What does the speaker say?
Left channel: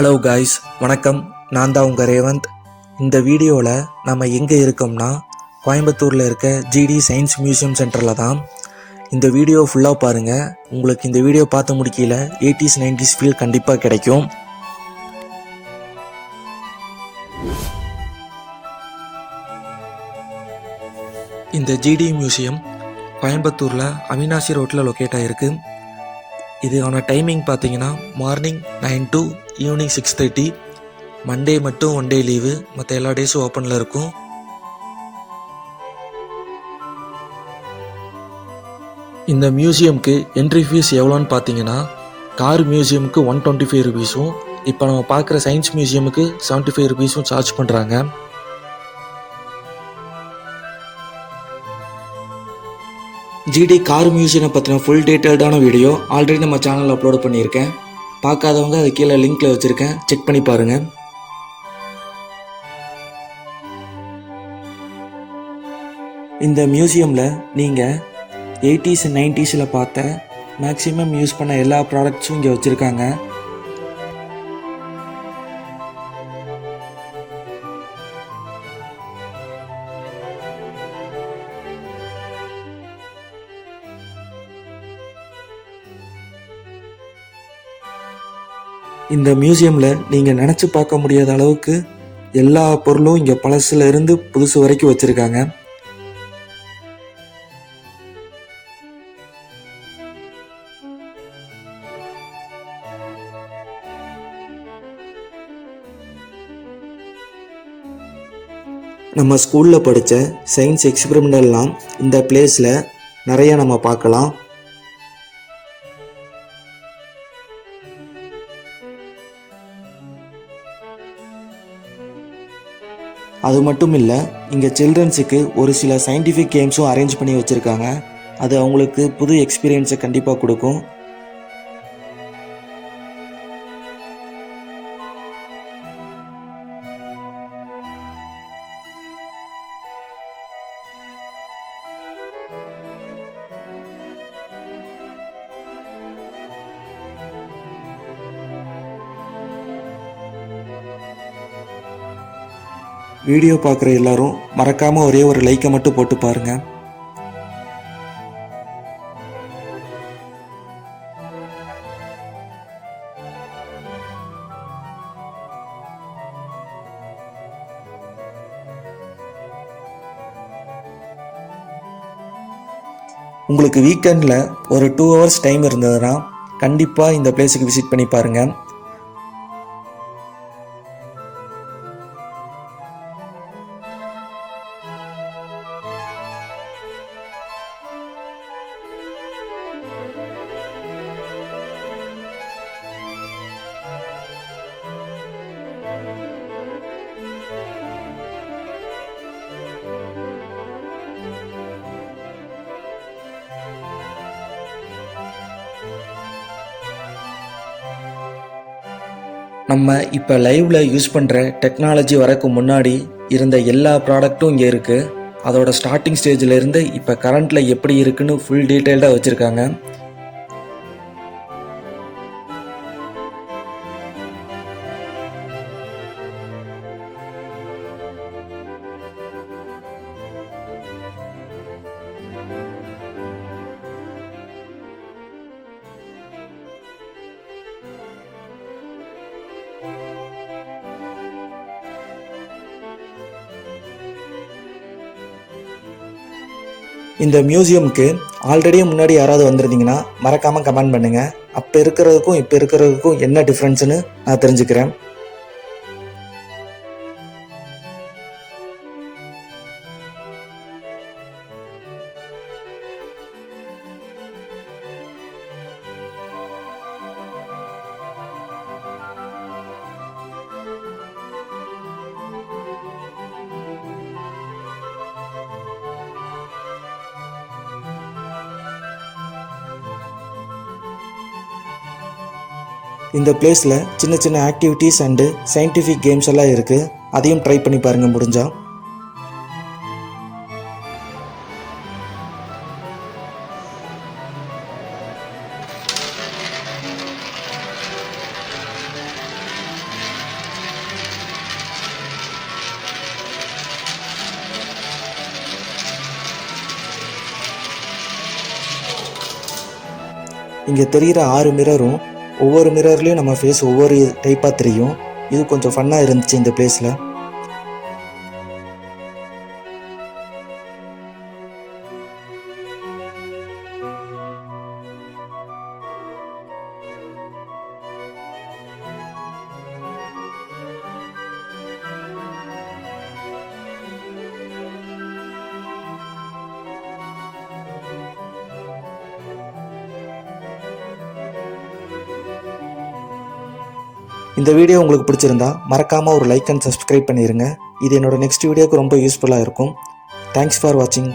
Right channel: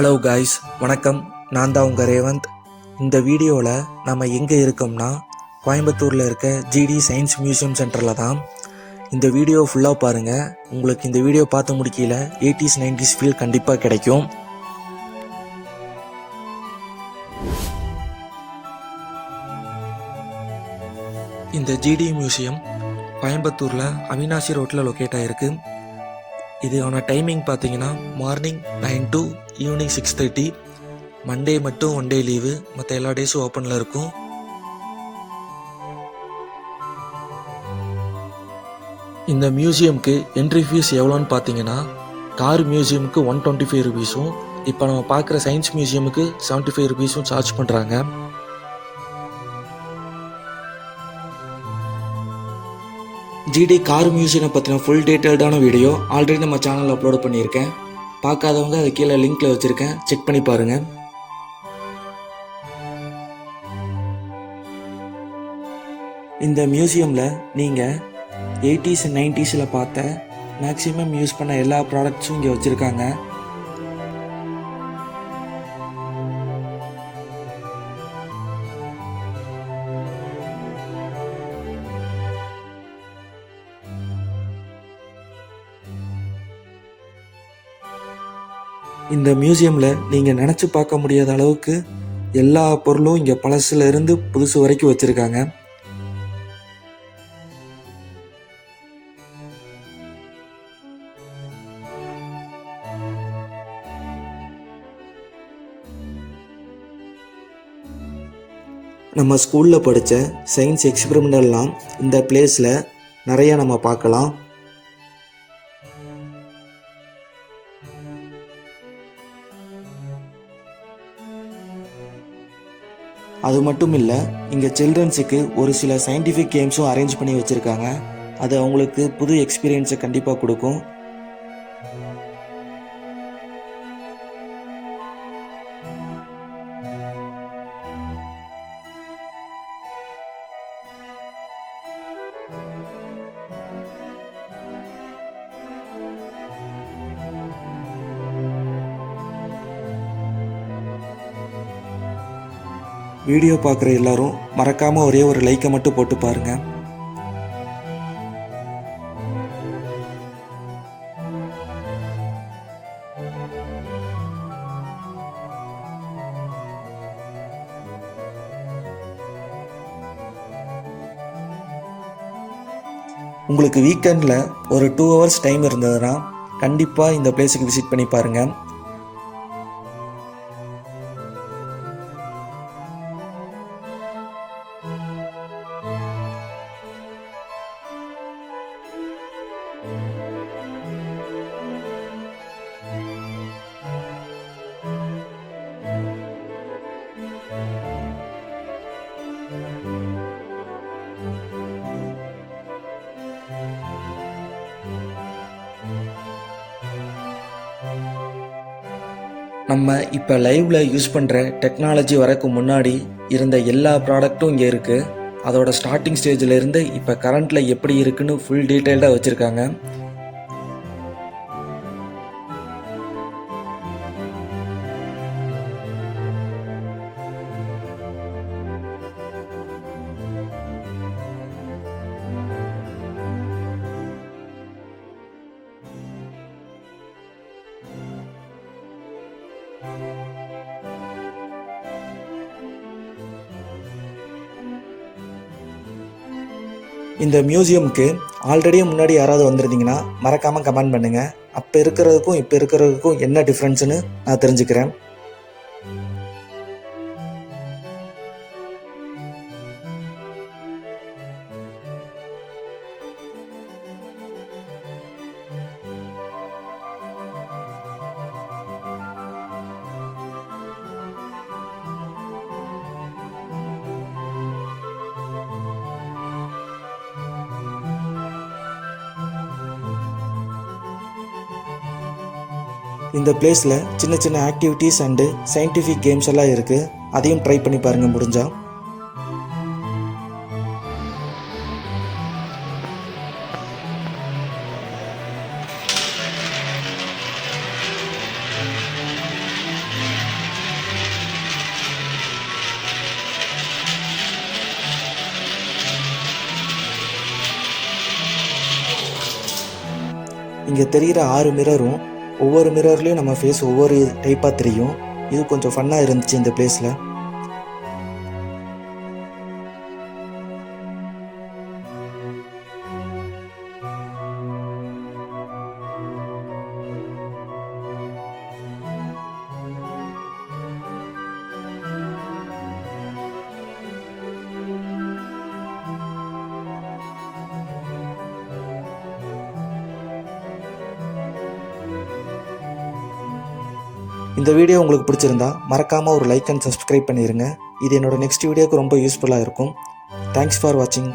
Hello guys, வணக்கம். நான் தான் உங்கள் ரேவந்த். இந்த வீடியோவில் நம்ம எங்கே இருக்கோம்னா கோயம்புத்தூரில் இருக்க ஜிடி சயின்ஸ் மியூசியம் சென்டரில் தான். இந்த வீடியோ ஃபுல்லாக பாருங்கள். உங்களுக்கு இந்த வீடியோ பார்த்து முடிக்கல 80s 90s ஃபீல் கண்டிப்பாக கிடைக்கும். இந்த ஜிடி மியூசியம் கோயம்புத்தூரில் அவினாசி ரோட்டில் லொக்கேட் ஆகிருக்கு. இதுக்கான டைமிங் பார்த்தீங்கன்னா மார்னிங் 9 to ஈவினிங் 6:30. மண்டே மட்டும் 1 டே லீவு, மற்ற எல்லா டேஸும் ஓப்பனில் இருக்கும். இந்த மியூசியமுக்கு என்ட்ரி ஃபீஸ் எவ்வளோன்னு பார்த்தீங்கன்னா கார் மியூசியமுக்கு 125 ருபீஸும், இப்போ நம்ம பார்க்குற சயின்ஸ் மியூசியமுக்கு 75 ருபீஸும் சார்ஜ் பண்ணுறாங்க. ஜிடி கார் மியூசியம் பற்றின ஃபுல் டீட்டெயில்டான வீடியோ ஆல்ரெடி நம்ம சேனலில் அப்லோட் பண்ணியிருக்கேன். பார்க்காதவங்க அது கீழே லிங்க்கில் வச்சுருக்கேன், செக் பண்ணி பாருங்கள். இந்த மியூசியமில் நீங்கள் 80s and 90s பார்த்த மேக்ஸிமம் யூஸ் பண்ண எல்லா ப்ராடக்ட்ஸும் இங்கே வச்சுருக்காங்க. இந்த மியூசியமில் நீங்கள் நினச்சி பார்க்க முடியாத அளவுக்கு எல்லா பொருளும் இங்கே பழசுல இருந்து புதுசு வரைக்கும் வச்சுருக்காங்க. நம்ம ஸ்கூலில் படித்த சயின்ஸ் எக்ஸ்பெரிமெண்டெல்லாம் இந்த பிளேஸில் நிறைய நம்ம பார்க்கலாம். அது மட்டும் இல்லை, இங்கே சில்ட்ரன்ஸுக்கு ஒரு சில சயின்டிஃபிக் கேம்ஸும் அரேஞ்ச் பண்ணி வச்சுருக்காங்க. அது அவங்களுக்கு புது எக்ஸ்பீரியன்ஸை கண்டிப்பாக கொடுக்கும். வீடியோ பார்க்குற எல்லாரும் மறக்காமல் ஒரே ஒரு லைக்கை மட்டும் போட்டு பாருங்கள். உங்களுக்கு வீக்கெண்டில் ஒரு 2 hours டைம் இருந்ததுன்னா கண்டிப்பாக இந்த பிளேஸுக்கு விசிட் பண்ணி பாருங்கள். நம்ம இப்போ லைவில் யூஸ் பண்ணுற டெக்னாலஜி வரக்கு முன்னாடி இருந்த எல்லா ப்ராடக்ட்டும் இங்கே இருக்குது. அதோட ஸ்டார்டிங் ஸ்டேஜில் இருந்து இப்போ கரண்ட்டில் எப்படி இருக்குன்னு ஃபுல் டீட்டெயில்டாக வச்சுருக்காங்க. இந்த மியூசியமுக்கு ஆல்ரெடி முன்னாடி யாராவது வந்திருந்தீங்கன்னா மறக்காமல் கமெண்ட் பண்ணுங்கள். அப்போ இருக்கிறதுக்கும் இப்போ இருக்கிறதுக்கும் என்ன டிஃப்ரென்ஸ்னு நான் தெரிஞ்சுக்கிறேன். இந்த பிளேஸில் சின்ன சின்ன ஆக்டிவிட்டீஸ் அண்டு சயின்டிஃபிக் கேம்ஸ் எல்லாம் இருக்குது. அதையும் ட்ரை பண்ணி பாருங்கள் முடிஞ்சா. இங்கே தெரிகிற 6 மிரரும் ஒவ்வொரு மிரர்லேயும் நம்ம ஃபேஸ் ஒவ்வொரு டைப்பாக தெரியும். இது கொஞ்சம் ஃபன்னாக இருந்துச்சு இந்த பிளேஸில். இந்த வீடியோ உங்களுக்கு பிடிச்சிருந்தா மறக்காமல் ஒரு லைக் அண்ட் சப்ஸ்கிரைப் பண்ணிடுங்க. இது என்னோட நெக்ஸ்ட் வீடியோக்கு ரொம்ப யூஸ்ஃபுல்லாக இருக்கும். தேங்க்ஸ் ஃபார் வாட்சிங்.